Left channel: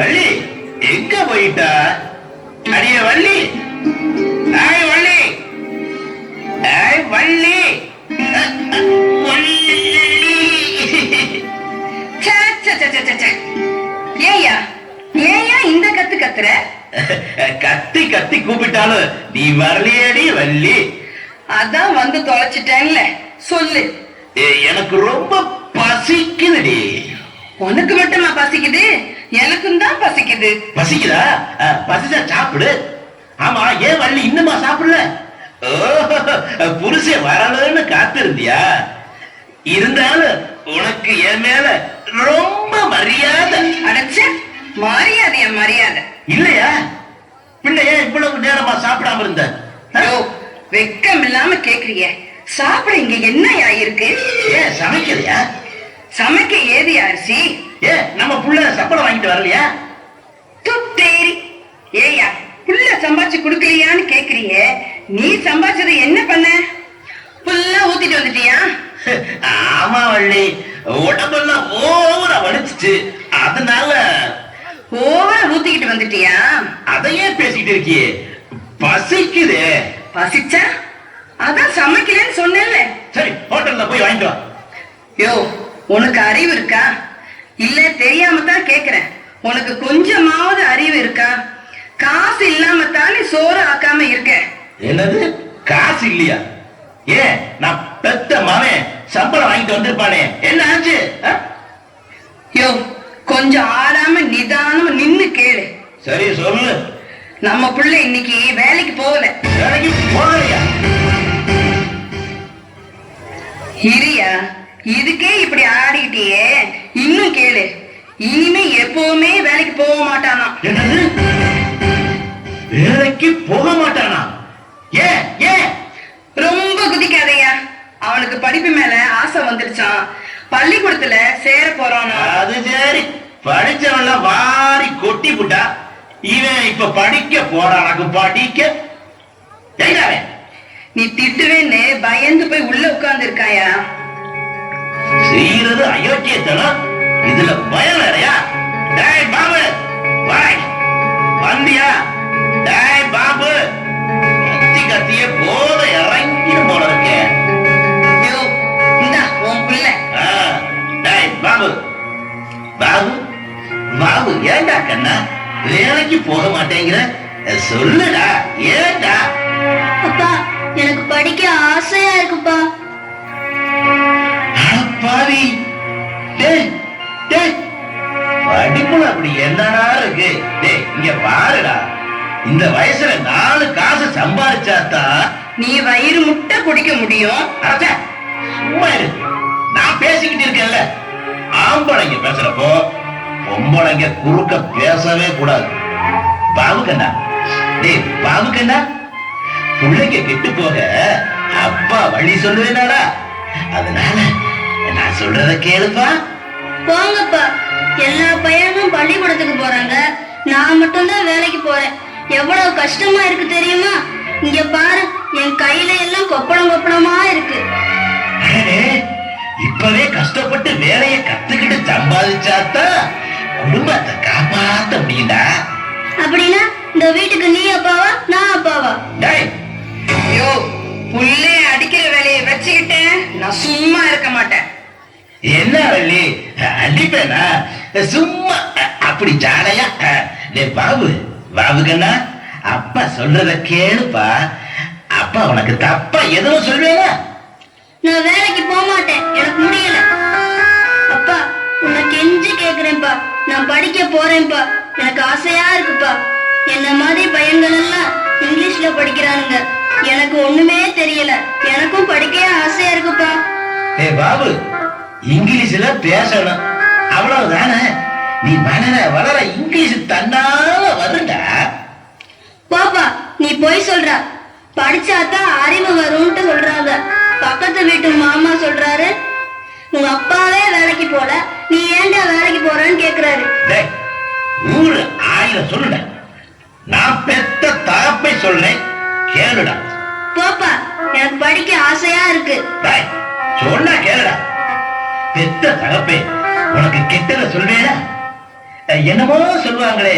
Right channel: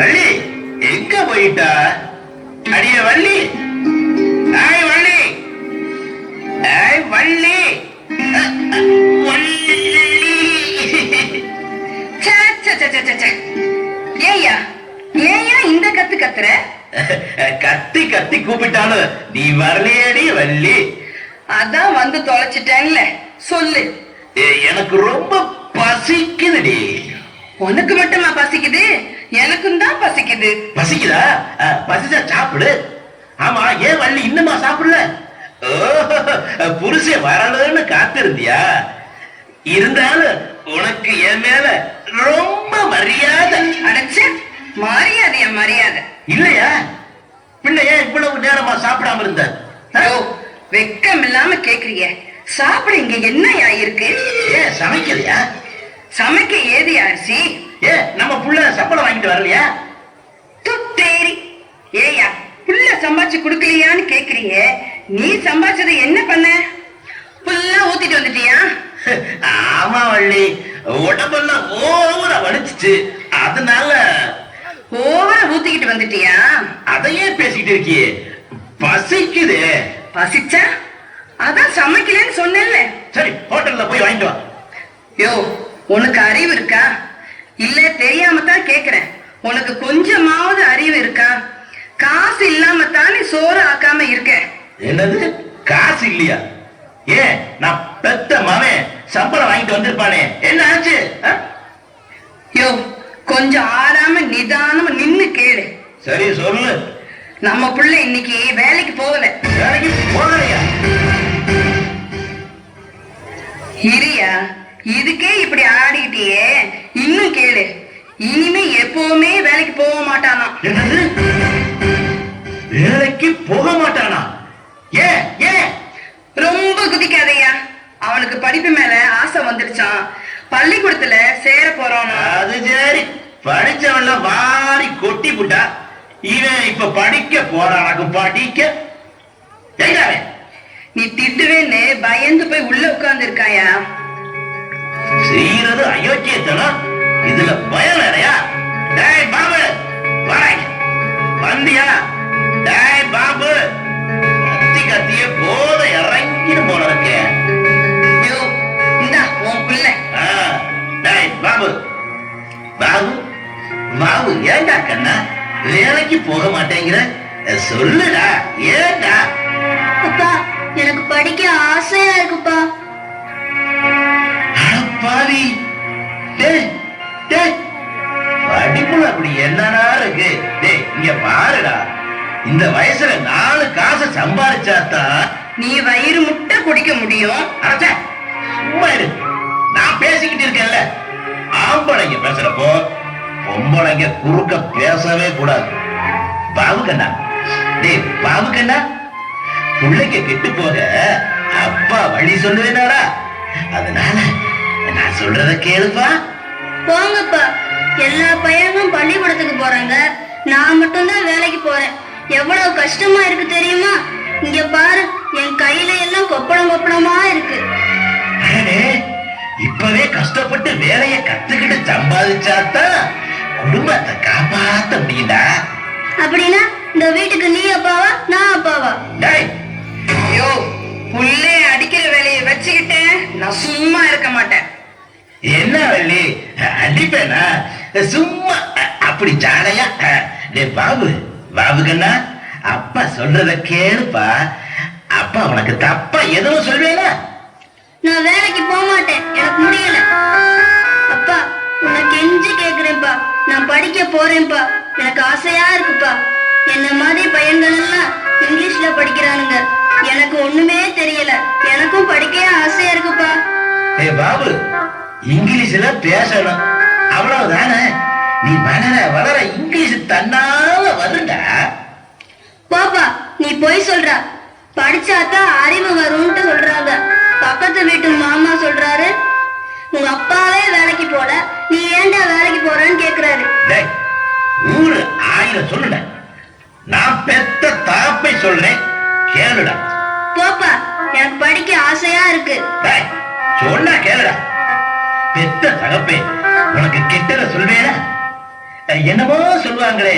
வள்ளி. எங்க போயிட்டா? அடிய வள்ளி. ஆய் வள்ளி. ஆய் வள்ளி. ஏய்யா ஏய்யா இந்த கத்து கத்துற? கத்தி கத்தி கூப்பிட்டாலும் நீ வரலையேடி வள்ளி. அதான் வந்து தொலைச்சிட்டேன்ல. சொல்லு. ஏ, எனக்கு ரொம்ப பசிக்குதுடி. உனக்கு மட்டுமா பசிக்குது? எனக்கும் தான் பசிக்குது. பசிக்குதா? பசிச்சா சாப்பிடு. ஆமா ஏன் வள்ளி இன்னுமா சாப்பிடல? ஓ, புருஷன் வரலன்னு காத்திருந்தியா? இருந்தாலும் உனக்கு என் மேல ரொம்ப மரியாதை. அடைச்ச மரியாதையா மரியாதை. இல்லையா? பிள்ளை ஏன் இவ்வளவு நேரமா சாப்பிடாம இருந்த? வெக்கம் இல்லாம கேக்குறிய. சாப்பிட இங்க என்னயா இருக்கு? சமைக்கலையா? சமைக்க ஏது அரிசி? ஏன் நம்ம புள்ள சம்பளம் வாங்கிட்டு வரலையா? துத்தேரி ஏயா புள்ள சம்பாதிச்சு குடுக்கலையான்னு கேக்குறிய நீ சம்பாதிச்சது என்ன பண்ண? புல்லா ஊத்திட்டு வந்துட்டியா? ஆமா வள்ளி. உடம்பெல்லாம் ஓவரா வலிச்சுச்சு. அதனால ஓவரா ஊத்திக்கிட்டு வந்துட்டியா? அதையே பேசிட்டு இருக்கியே. பசிக்குது. பசிச்சா? அதான் சமைக்கலன்னு சொன்னேன்ல. சரி ஹோட்டல்ல போய் வாங்கிட்டு வா. யோ உனக்கு அறிவு இருக்கா? இல்ல தெரியாம தான் கேக்குறேன். உனக்கு கொஞ்சமாவது அறிவு இருக்கா? காசு இல்லாம தானே சோறு ஆக்காம இருக்க. என்னது? காசு இல்லையா? ஏன் நான் பெத்த மவன் சம்பளம் வாங்கிட்டு வந்திருப்பானே. என்ன ஆச்சு? யோ கொஞ்சம் ஆடாம நிதானமா நின்னு கேளு. சரி சொல்லு. நம்ம புள்ள இன்னைக்கு வேலைக்கு போகல. வேலைக்கு போகலையா? இரியா இதுக்கே இப்படி ஆடிக்கிட்டியே. இன்னும் கேளு. இனிமே எப்பவுமே வேலைக்கு போக மாட்டானா? வேலைக்கு போக மாட்டானா? ஏன் ஏன் ரொம்ப குதிக்காதய்யா அவனுக்கு படிப்பு மேல ஆசை வந்துடுச்சான் பள்ளிக்கூடத்துல சேர போறானா? அது சரி. படிச்சவன்ல வாரி கொட்டி புட்டா. இவன் இப்ப படிக்க போறானாக்கு படிக்க? நீ திட்டுவேன்னு பயந்து போய் உள்ள உட்கார்ந்து இருக்காயா செய்யறது அயோக்கியத்தனம். இதுல பயம் வேறையா டேய் பாபு வாய். வந்தியா? டேய் பாபு. கத்தி கத்திய போத இறங்கிடும் போல இருக்கேன் உன் பிள்ளை. டேய் பாபு. பாபு பாபு ஏண்டா கண்ணா? வேலைக்கு போக மாட்டேங்கிற. சொல்லுடா ஏண்டா? அப்பா எனக்கு படிக்க ஆசையா இருக்குப்பா. பாவி டேய் டேய். படிப்புல அப்படி என்னடா இருக்கு? டேய் இங்க பாருடா. இந்த வயசுல நாலு காசு சம்பாதிச்சாதான் நீ வயிறு முட்டை குடிக்க முடியும். அட சும்மா இரு. நான் பேசிக்கிட்டு இருக்கேன்ல. ஆம்பளைங்க பேசுறப்போ பொம்பளைங்க குறுக்க பேசவே கூடாது. பாபு கண்ணா டேய் பாபு பிள்ளைங்க கெட்டு போக அப்பா வழி சொல்லுவேனாடா அதனால சொல்றத கேளுப்பா போங்கப்பா. எல்லா பையனும் பள்ளிக்கூடத்துக்கு போறாங்க. நான் மட்டும்தான் வேலைக்கு போறேன். எவ்வளவு கஷ்டமா இருக்கு தெரியுமா? இங்க பாரு என் கையில எல்லாம் கொப்பளம் கொப்பளமா இருக்கு. இப்பவே கஷ்டப்பட்டு வேலையை கத்துக்கிட்டு சம்பாதிச்சாதான் குடும்பத்தை காப்பாத்த முடியும்டா அப்படின்னா இந்த வீட்டுக்கு நீ அப்பாவா நான் அப்பாவா? டேய் ஐயோ புள்ளே அடிக்கிற வேலையை வச்சுக்கிட்டேன். நான் சும்மா இருக்க மாட்டேன். என்ன வள்ளி அடிப்பேனா சும்மா. அ- அப்படி ஜாடையா டே பாபு. பாபு கண்ணா அப்பா சொல்றத கேளுப்பா. அப்பா உனக்கு தப்பா எதுவும் சொல்வேனா நான் வேலைக்கு போக மாட்டேன். எனக்கு முடியல. அப்பா உன்னை கெஞ்சி கேக்குறேன்ப்பா. நான் படிக்க போறேன்ப்பா. எனக்கு ஆசையா இருக்குப்பா. என்ன மாதிரி பையன்கள்லாம் இங்கிலீஷ்ல படிக்கிறானுங்க. எனக்கு ஒண்ணுமே தெரியல. எனக்கும் படிக்க ஆசையா இருக்குப்பா. டே பாபு இங்கிலீஷ்ல பேசணும். அவ்வளவுதானே? நீ வளர வளர இங்கிலீஷ் தன்னால வருண்டா பாப்பா நீ போய் சொல்ற. படிச்சாதான் அறிவு வரும்னு சொல்றாங்க. பக்கத்து வீட்டு மாமா சொல்றாரு உங்க அப்பாவே வேலைக்கு போல. நீ ஏன்டா வேலைக்கு போறன்னு கேக்குறாரு. ஊரு ஆயிரம் சொல்லுட. நான் பெத்த தகப்பை சொல்றேன். கேளுடா. போப்பா எனக்கு படிக்க ஆசையா இருக்கு. சொன்னா கேளுடா. பெத்த தகப்பே உனக்கு கெட்டத சொல்வேனா அஹ், என்னமோ சொல்லுவாங்களே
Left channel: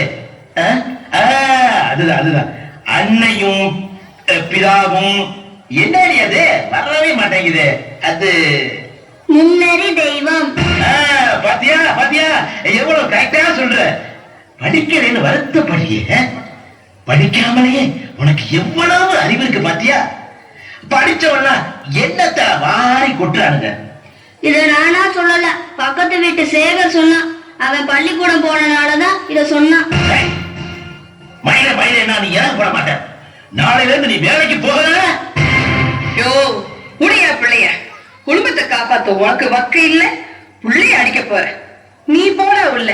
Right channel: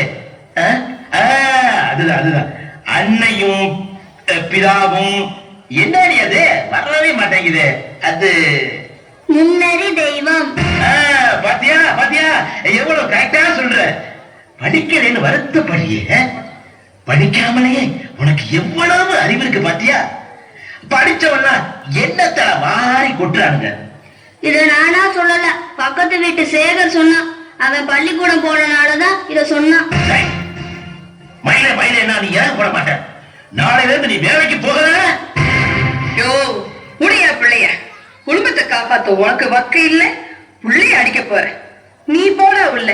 அதுதான் அதுதான். அன்னையும் பிதாவும் என்னடி அது? வரவே மாட்டேங்குது. அது முன்னறி தெய்வம். பாத்தியா பாத்தியா? எவ்வளவு கரெக்டா சொல்ற. படிக்கலைன்னு வருத்தப்படுறியே. படிக்காமலே உனக்கு எவ்வளவு அறிவு இருக்கு பாத்தியா? படிச்சவனா என்னத்த வாரி கொட்டுறானுங்க? இத நானா சொல்லல. பக்கத்து வீட்டு சேகர் சொன்னான் அவன் பள்ளிக்கூடம் போனனாலதான் இத சொன்னான். மயில மயில என்ன நீ ஏன் போட மாட்டேன். நாளையில இருந்து நீ வேலைக்கு போகல? யோ உடைய பிள்ளைய. குடும்பத்தை காப்பாத்த உனக்கு வக்கு இல்ல பிள்ளைய அடிக்க போற. நீ போட உள்ள.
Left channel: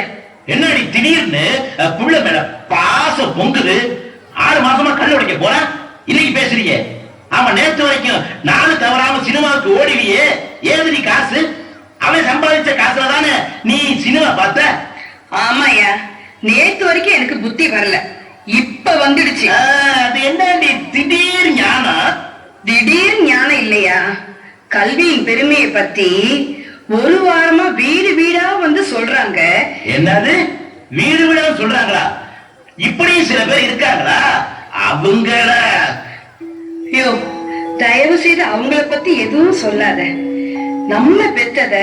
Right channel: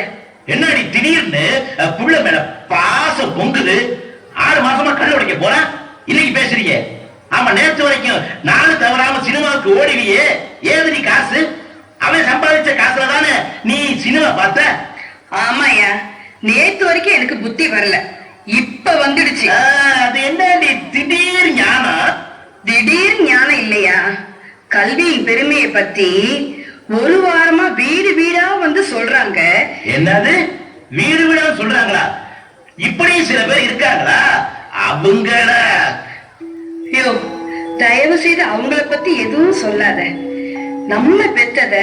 என்ன நீ திடீர்னு புள்ள மேல பாசம் பொங்குது? ஆறு மாசமா கண்ணு உடைக்க போறா? இன்னைக்கு பேசுறீங்க. ஆமா நேத்து வரைக்கும் நானும் தவறாம சினிமாவுக்கு ஓடிவியே. ஏது நீ காசு? அவன் சம்பாதிச்ச காசுல தானே நீ சினிமா பார்த்த? ஆமாயா நேத்து வரைக்கும் எனக்கு புத்தி வரல. இப்ப வந்துடுச்சு. அது என்ன நீ திடீர் ஞானம்? திடீர் ஞானம் இல்லையா? கல்வியின் பெருமையை பத்தி ஒரு வாரமா வீடு வீடா வந்து சொல்றாங்க. என்னது? வீடு வீடா சொல்றாங்களா? இப்படி சில பேர் இருக்காங்களா? அவங்கள ஐயோ தயவு செய்து அவங்கள பத்தி எதுவும் சொல்லாத. நம்ம பெத்தத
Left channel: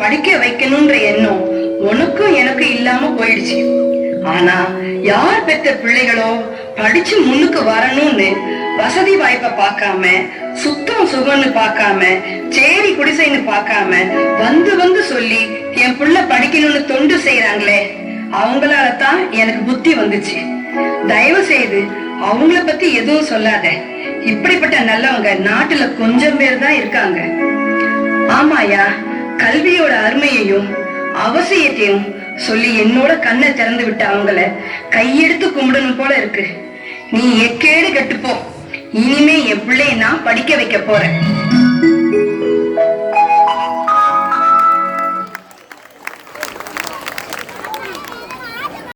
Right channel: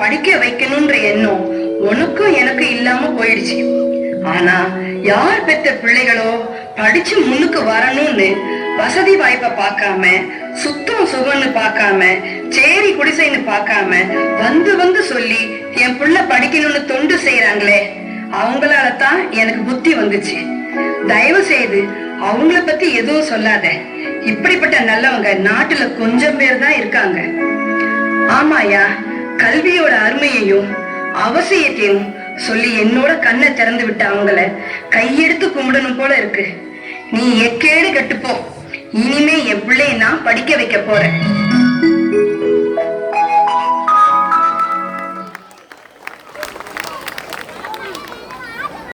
படிக்க வைக்கணும்ன்ற எண்ணம் உனக்கும் எனக்கு இல்லாம போயிடுச்சு. ஆனா யார் பெத்த பிள்ளைகளோ படிச்சு முன்னுக்கு வரணும்னு வசதி வாய்ப்பை பார்க்காம சுத்தம் சுகம்னு பார்க்காம சேரி குடிசைன்னு பார்க்காம வந்து வந்து சொல்லி என் புள்ள படிக்கணும்னு தொண்டு செய்யறாங்களே அவங்களால தான் எனக்கு புத்தி வந்துச்சு. தயவு செய்து அவங்கள பத்தி எதுவும் சொல்லாத. இப்படிப்பட்ட நல்லவங்க நாட்டுல கொஞ்சம் பேர் தான் இருக்காங்க. ஆமாயா கல்வியோட அருமையையும் அவசியத்தையும் சொல்லி என்னோட கண்ணை திறந்து விட்ட அவங்கள கையெடுத்து கும்பிடணும் போல இருக்கு. நீ எக்கேடு கெட்டுப்போ. இனிமே என் பிள்ளைய நான் படிக்க வைக்க போறேன்.